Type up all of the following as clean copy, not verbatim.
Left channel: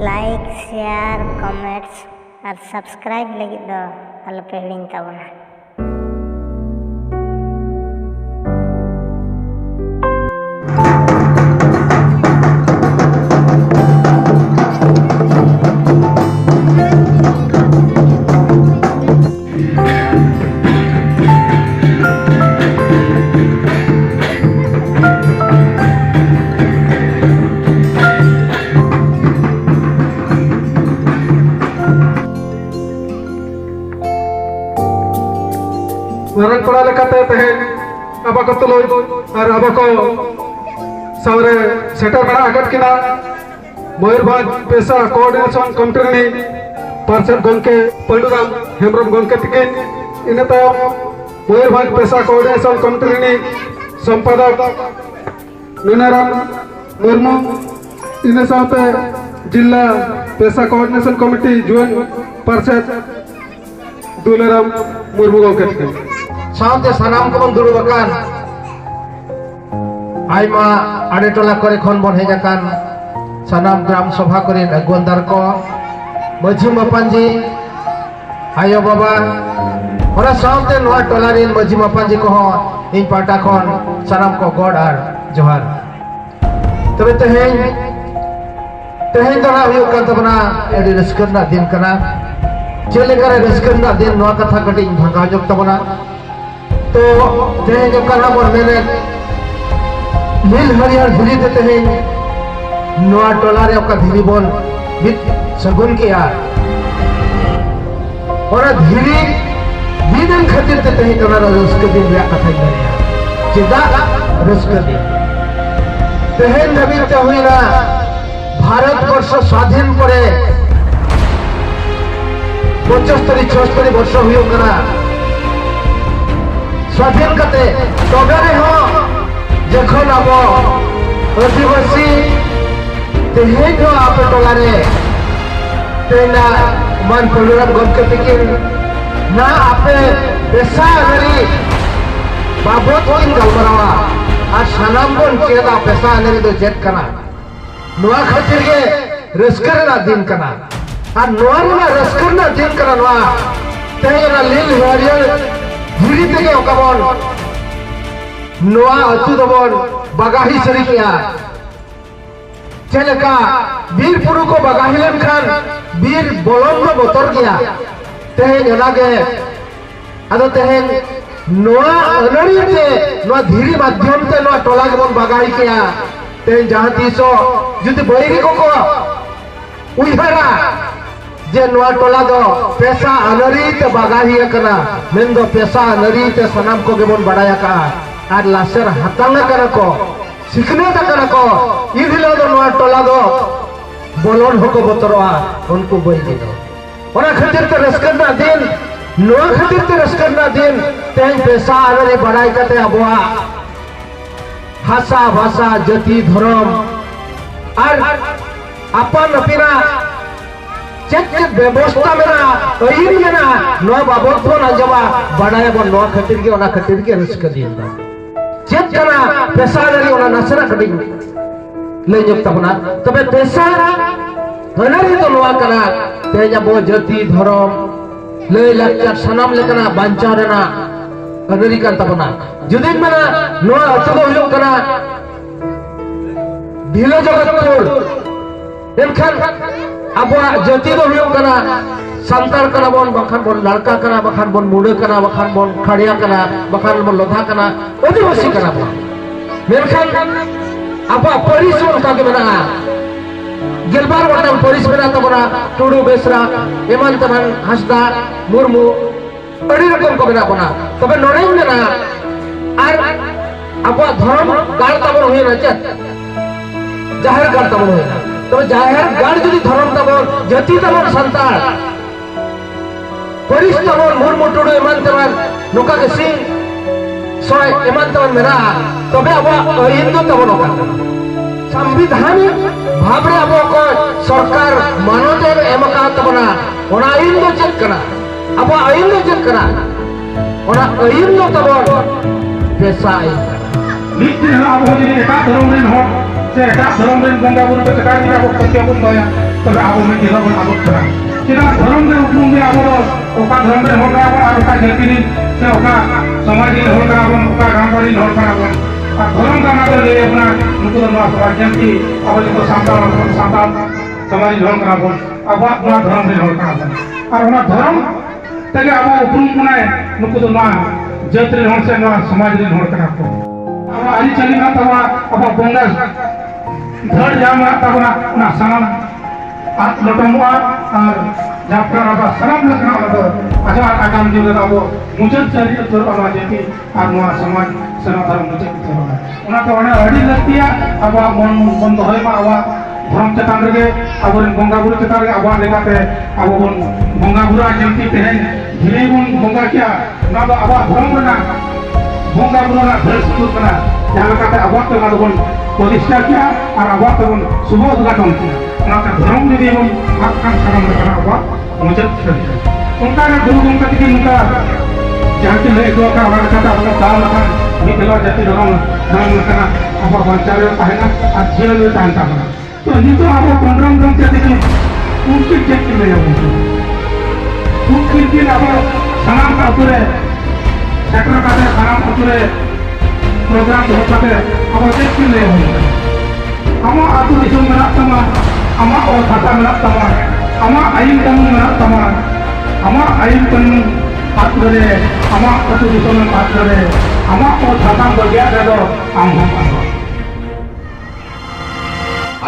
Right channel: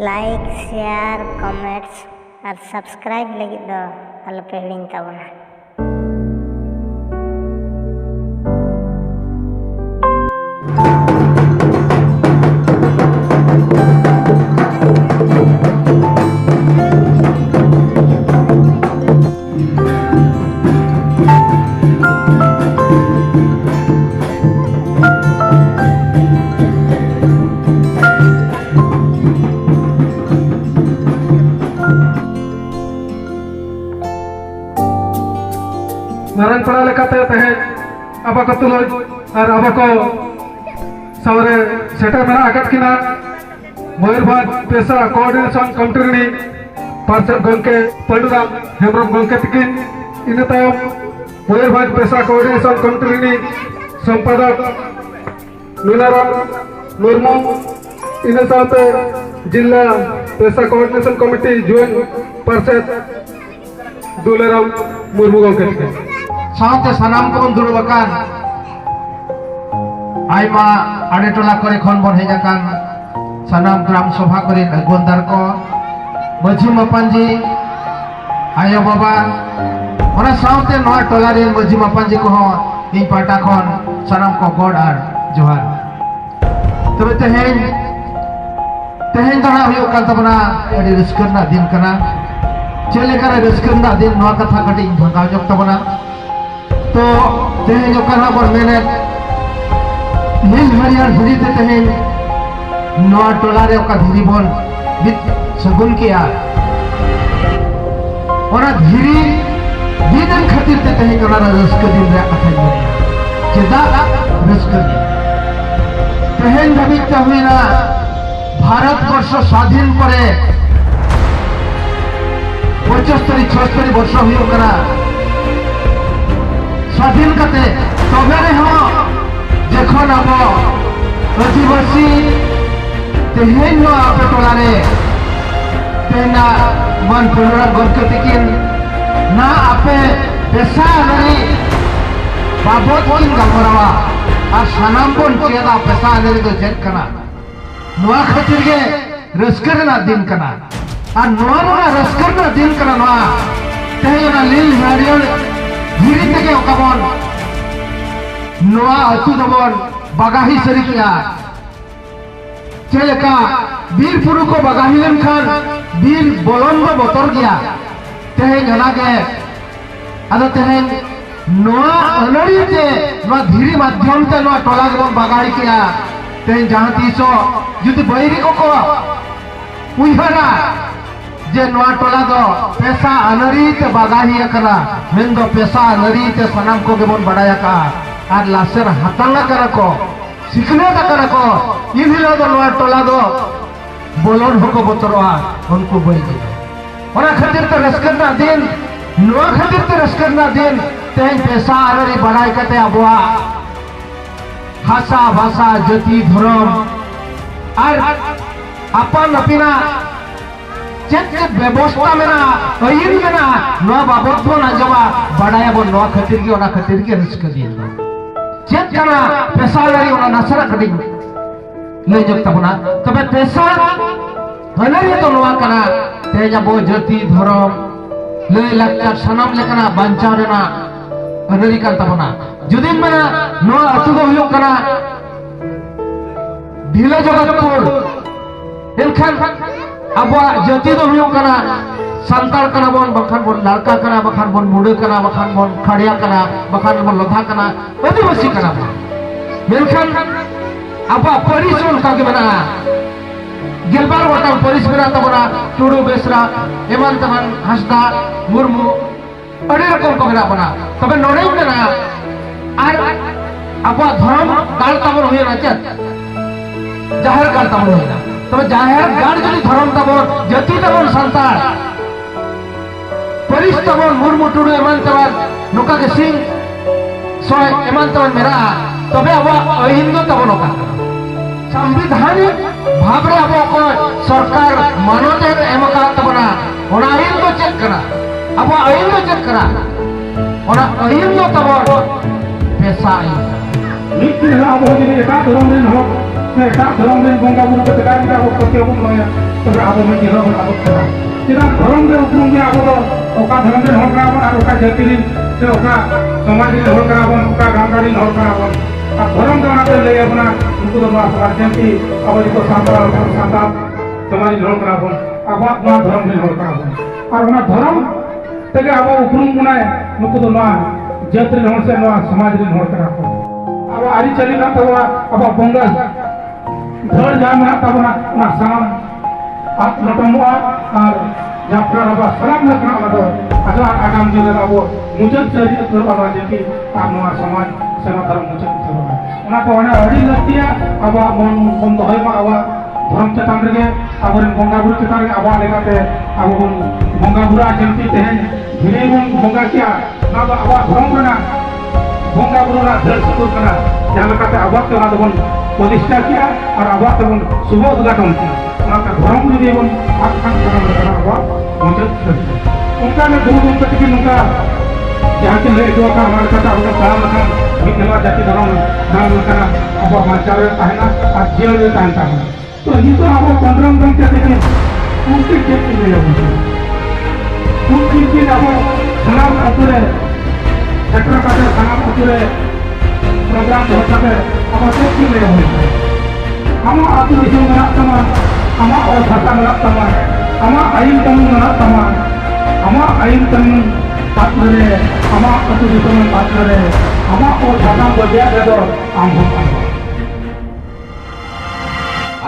Like share comments और subscribe लगी दो अलपे हिड़िंग ताबोना। orang pernah lekatnya teh apa ketuloi ar apa ko saure seta mera agat kina Moyurbhanj pesa coordination committee ni parcel gonke Panduram Hemram gonke tikin ina tayom Moyurbhanj pesa coordination committee ni sampadak Nunaram Murmu ina sampai jilla pesa coordination committee join parcel Dularam Murmu gonke tikin साउंड सानाम को दुरुबाकान आइमा आड़े टोला करे खन बन हेजाकान सानाम ग्राम सभा करे नगोंदार को मझी मापांजी आया बाबा और साउंड नोआ टोला रे मझी मापांजी को इन पाटा खन सानाम को गॉड आर जोहार तबे तेहेन तोरा हुयो कान तबना एडी रस्करना दिन कना चले करे रस्करना दिन नोआ कथा कटी भंगा जब तबना तो तेहें जो कहा पर मैंने मिल हरियार धीरी ते तेहें नोआ टोला रे का धीरी बोल बित सगुन किया और धीरी दिन खातिर ते तेहें टोला रे रस्क दिन रे कथा ही चिदा रस्क दिन तेहें दबित ते हुई ना भारत वर्ष स्वाधीन परे 75-76 वर्ष हुई कना स्वाधीन कते तबे रे हो जखन अब आदिवासी तेहें हो आपे टोला रे तेना मन पलुरम गमके तिकिन ना आपे पेशा गरी बाबत किन गलमरवा आ सानामपन चेदा पेशा गरी तो जेट कना नोआ खातिर गे रस्करना दिन कना आ नोआ रस्करना दिन कना नोआ तेना लील हरियर धीरी तेगे ओकाबन नोआ अतु दबन बागाही सरिकिया चलेका बीर पुरु को बागाही लेनखान बीर बोलन दो बतर गया तेहें एनागे आदो तेहें नोआ अनरी ते नोआ धीरी माध्यम ते नोआ टोला गबन बागाही किया तेहें जहां तीसो जुदि बैरी को उइहरा जे नोआ टोला दो पेशा अनरी ते बागाही कना मेन दो पेशा अनरी ते सनाम को गेबन बड़ाया का आर लासेर हातांगा करा को सिखने दा करा को इदिलो दो नोआ टोला दो बोलन होको बतरवा उनको बई दे ओरा खातिर ते रस्करना दिन नोआ खातिर ते रस्करना दिन ते पेशा अनरी बड़ाई कते अबवा भाषा भाषा जाति धर्म आर अपन अपिना चेक व्यवस्था में ना अहिर में ना नोआ बाबत को ना जवा बड़ाया बन नोआ खातिर के रस्क दिन चेक कना पेशा गरी ओना नसरा कटी ले जब तबना तबे पेशा गनरी तो नोआ कना तेजा बो जाति धर्म ले लक्का सनम लेकना बांचा रेना गनरी का तबना जुदी में नोआ अतु दो हुयो कना ढिले जगतपुर इनखान अब जाति दो हुयो कना संताल कना बन बखान बन लड़का कना बखान बन मुड़े कना बखान बन खड़िया कना बखान बन लोधा कना आदिवासी कना बन मेलखान अब परिश्रम का के बना गेलबार वटा परिस बना तबना टुडू बेसरा एमान तमन हसदा मुर्मू अड़ी रकम का बना तबे नोड़े में ना आर अब धर्म गाड़ तबर हुए ना चत जाहिर गाड़ तबर हुए ना तो जाहिर गाड़ जुदी धर्म तबर जाति तबर संताल परिस तबर मुर्मू टुडू एमान तमन नुका के सिंह सोय एमान तमन मेरा तबे अब हिंदू तबर नुका संविधानिक भावरे अब को सरकार मानोते एमका तबना ओना हिंदू चेक करा अब हिंदू चेक करा ओना हिंदू तबर पेशा आई नीति है अब होगी एका धर्म रे हो से एका धर्म रे बंगा बुन के टका दिया को पत्ते बुन गया तब अब में जेरो बन अब करा चिना धर्म रे उपरुम गे अब ओका धर्म रे होगा अब ओका जाति रे से ओका समाज रे होगा अब ओका गांवड़ी होगा अब धर्म का नाते ले अपना उनको तो माफ कर जाति अब जो सांता समाज रे होगा अब अपना धर्म रे होगा और ना धर्म तगे अब उपरुम बनाए नुको तो ना जाति रे होसे ना समाज रे होगा अब आली चली ना तवा अब बंगा धड़ जाम ना तवा ना साम आत लटमुआ और जाफर अब सलाम लखना मदो अजला आगाम दिन अब मुजत से जोर अब जेकी और ना समाज सेवा धर्म मुजत तो ना तो ना अड़ी लगतिया अब मन होय मा अब धर्म चतान रे अब बंगा बुरु चतान रे अब लेकाते अब बंगा बुरा जेकी तेहन धीरे बंगा क्या ना तो अब धर्म ना बंगा बुरु ना धर सुकुर कना जहां लेकाते अब तो ना बन प्रतिष्ठा किया और अब तो बन शुभ उद्घाटन किया ना धर्म यदि बन आकांक्षा करम लेकना अब मुजत छे उनका ना गुरु गंगा की उनका जहां के ले दो का हमारे साथ अब काम ना मिला जाति धर्म नाम लेकना अब बाचार कहना और जीवन में तांता है तो ये तो अब पंद्रह दिन के देखिए उनकी चेक में हो उनकी की अब सलाम अतुरे छत्र का सलाम अतुरे प्रोग्राम होता है अब चेक की ले हो हम आतु विषय में तमा हम और भाषा में तमा हम आइन कानून में तमा हम आइन कानून पात्र रे हम आतु विषय में पात्र रे हम और भाषा को दिया दे दो हम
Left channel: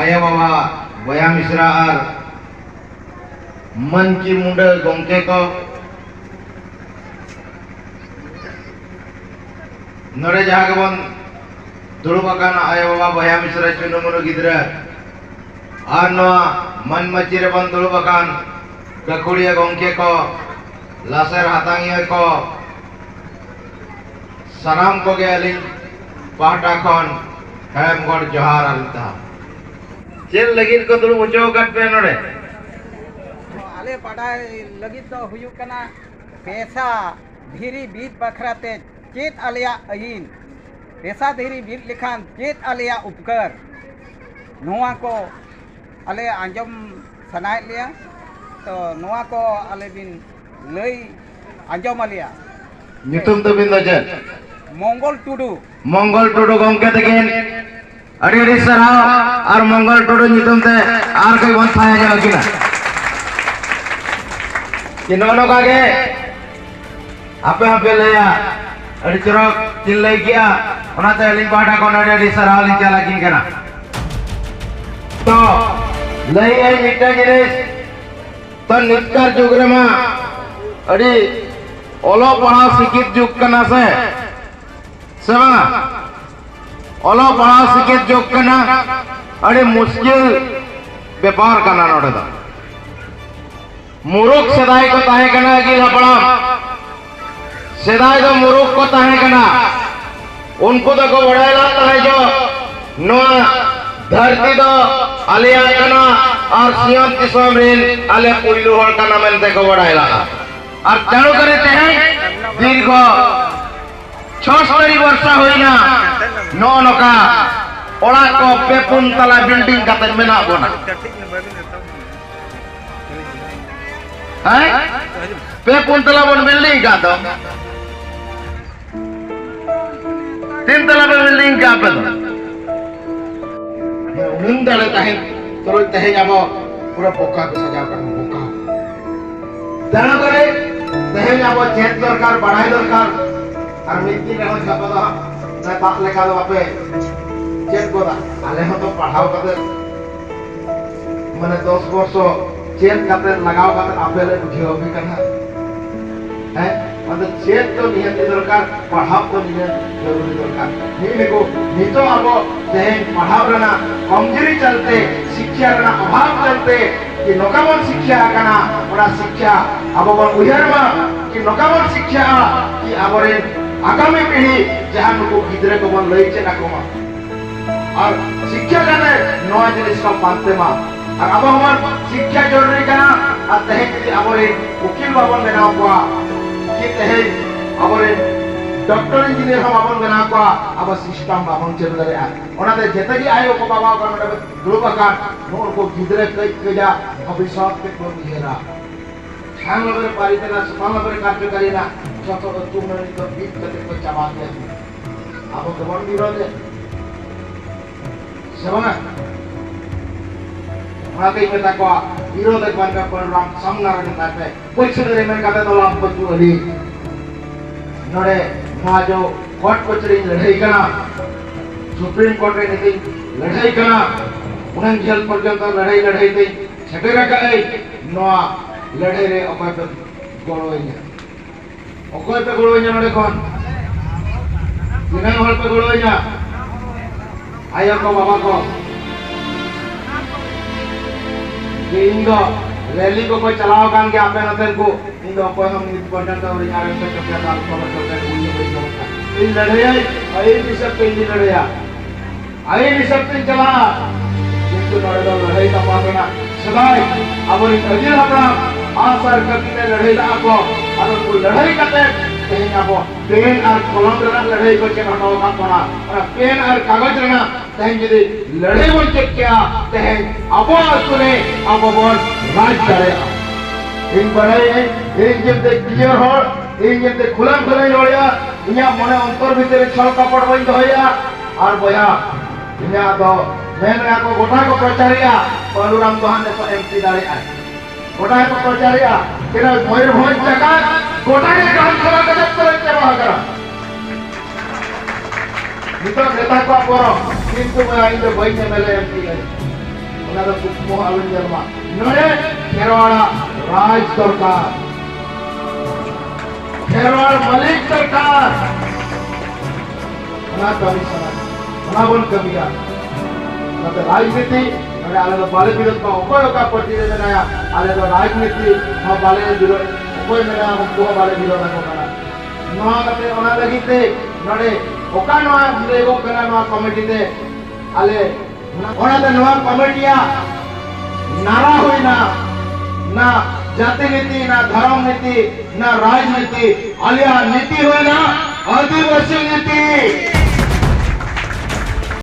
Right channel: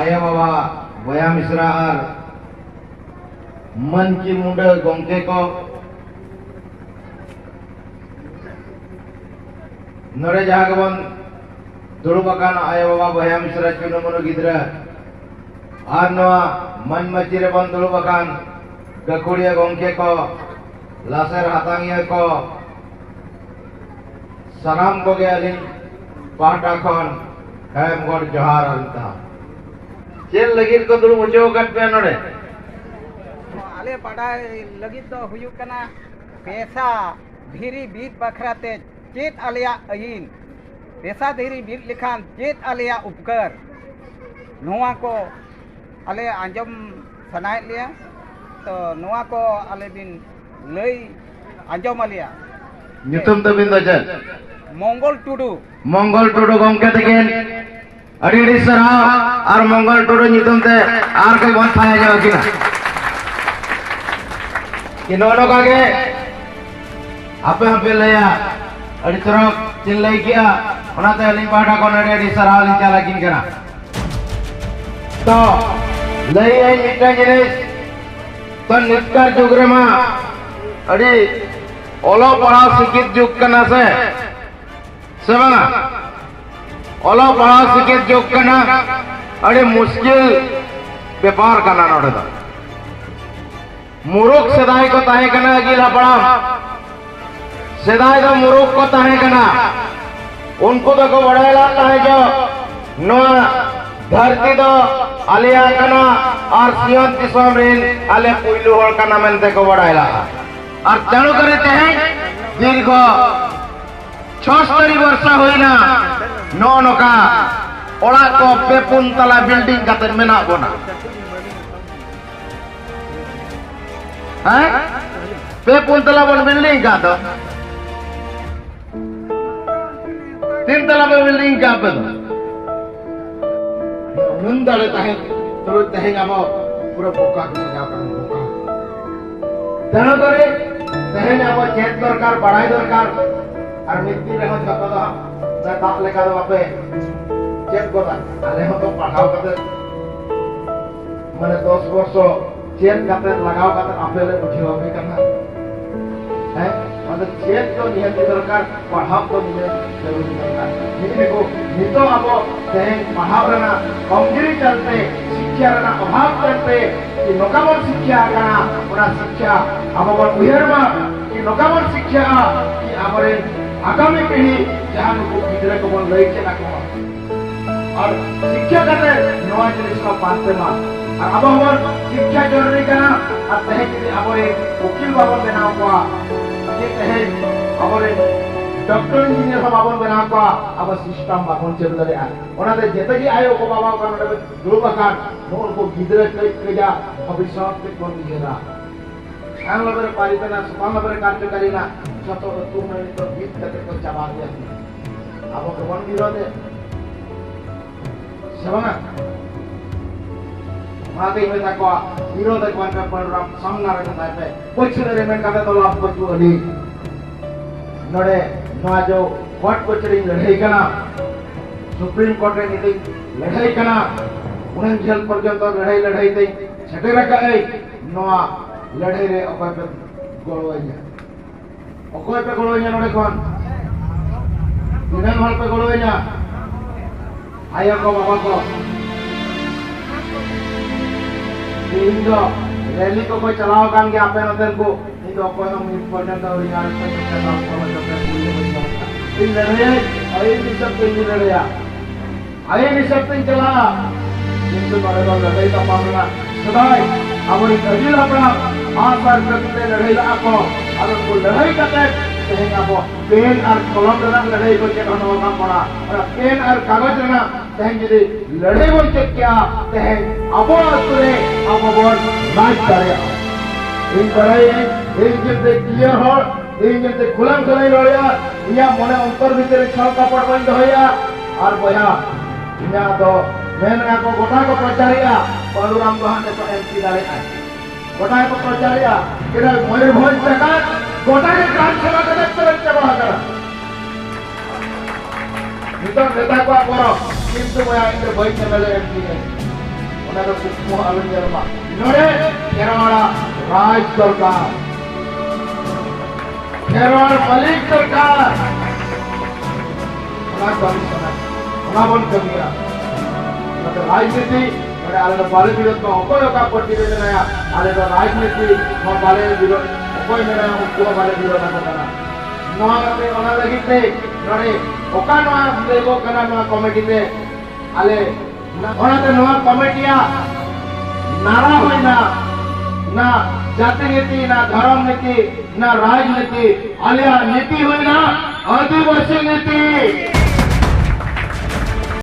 आया बाबा बया मिश्रा और मन की मुंडे गोंके को नरे जहागबन दुरुबकान आया बाबा बया मिश्रा चुनमुनो गिद्रा और नवा मन मचिरे बन दुरुबकान गकुड़िया गोंके को लासेर हातांगिया को सलाम को गयालिन पाहटा खन हेमगढ़ जोहार आलिता चेल लगिन को दुरु मुचो कट पे नोडे आले पढ़ाई लगित तो हुयुक कना पैसा धीरी बीत बखराते चेत आलिया अहिन पैसा धीरी बीत लिखान चेत आलिया उपकर नोआ को आले आंजम सनाय लिया तो नोआ को आले बिन लई आंजम आलिया नितुम तो बिंदो चल मंगल टुडू गोंके तकिन अड़ी सराव और मंगल टुडू नितुम ते आर के बहुत थाया जाओ किना कि नोनो कागे आपे लेया अड़ी चरक चिल्लाई किया ओनाते लिंग पाटा को नडे अड़ी सराव लिंग चला किन कना तो लई है मिटा जिनिस तो नित्कार जुगरेमा अड़ी ओलो पढ़ा सिकित जुग कना से सेवा ओला पढ़ा सिकित जो कना अड़ी मुश्किल व्यापार करना नोड़े दा मुरुख सेदाई को ताहे कना गिला पढ़ाम सेदाई तो मुरुख को ताहे कना उनको तो को बढ़ेला ताहे जो नो धरती तो आलिया कना और सियोन तिसोम रिन आले पुइलु होल कना मेनते को बढ़ेला और जानो करे ताहे दीर्घ 76 वर्षा होइना नो नोका ओड़ा को पेपुन तला बिल्डिंग काते मेना बोना है पेपुन तला बन बिल्डिंग का तो 3 तला बिल्डिंग का पे तो नंदले ताहे तो ताहे जाबो पूरा पोका को सजा कर पोका जानो करे ताहे जाबो चेत दरकार बढ़ाई दरकार और मिट्टी में हो जाता था मैं बात लेकर दो आपे चेक को था आले हो तो पढ़ाओ करते मैंने 10 वर्ष चेक करते लगाओ करते आपे ले उठी हो भी करना है मतलब चेक तो नियत दरकार पढ़ाओ तो नियत जरूरी दरकार नहीं देखो नहीं तो आपको चाहे पढ़ाओ रहना कमजोरी चलते शिक्षा रहना अभाव चलते कि नौकामन शिक्षा करना बड़ा शिक्षा अब बड़ उयर में कि नौकामन शिक्षा कि आबरे आगामी पीढ़ी जहां को गिदरे को बन लई चेना को और शिक्षा करने नया जिनिस को पाते मा और अब हमर शिक्षा जरूरी का और तहे के आबरे वकील बाबन देना हुआ कि तहे आबरे डॉक्टर इंजीनियर हम बाबन बना को अब सिस्टम बाबन चेल दरे ओनाते जेतगी आयो को बाबा का मडे दुरुब आकार नोर को गिदरे कई केजा भविष्य के को बिहेरा हम लोग पालितना समान लोग कार्यकारी ना छतो तुम ने तो बीत कते को चबा दिया अब कौन विरोध है सेवा आगे में तक विरोध कौन का परिणाम सामना रखता है कुछ देर में कदा तो लाभ बचू अली नोड़े ना जो कोर्ट कचहरी लड़ाई करना सुप्रीम कोर्ट रे नीति लड़ाई करना उन्हें जेल पर्यंत लड़ाई थी छठे रखा है नोआ लड़ाई रे अकोय पे गोड़ोइया नोड़े कौन दिनांग हल पे गोड़ोइया आयो को बाबा को इंदो रैली को कोई चलाओ कान के आपे नतर को इंदो कोई हम पर्यंत और यार के चक्कर साल को चक्कर उल्ले हो जाता इन लड़ाई आई भी सब पे लड़ाई आई भी सब पे चला जिनको बड़े लोग लड़ाई का मामला सदाई अब इन तरीके अपना आसार करते लड़ाई ला को और उनको लड़ाई करते कहीं आप पेन और कलम रना लड़ाई को के होना का पड़ा और पेन और कागज रना तहन यदि लड़ाई बोल के क्या तहन अब सुने अब बोल राज चले इन बड़े इन जब तक क्लियर हो इन जब तक खुलम खुलाई रोया इया मने अंतर भीतर छल कपड़ बंद होया और बया इया तो मैंने को गोटा को प्रचारिया बलराम दोहान ने एमपी डाले गोटा को प्रचारिया केरा मयूरभंज जगह गोटा के ग्राम सभा के दफ्तर के बाहर करा नितो नेता को बोरो किंतु मैं आइंदे भाई ने मेले एमपी है उन्हें तो कुछ मुंह आलू जरमा नरे केरवाड़ा राज सरकार केरवाड़ मलिक सरकार ना बारी सना ना बोल कमिया ना तो राजनीति नरे आले बाले विरोध का कोई का प्रतिवेदन आया आले तो राजनीति ना बाले विरोध कोई नरे हम को बाले विरोध ना करना नवा नरे ओना लगी थे नरे ओका नवा देखो कना नवा कमिटी दे आले ओना ते नवा कमिटिया नारा होई ना जाति नीति ना धर्म नीति ना राजनीति आलिया नीति होई ना आदिवासी नीति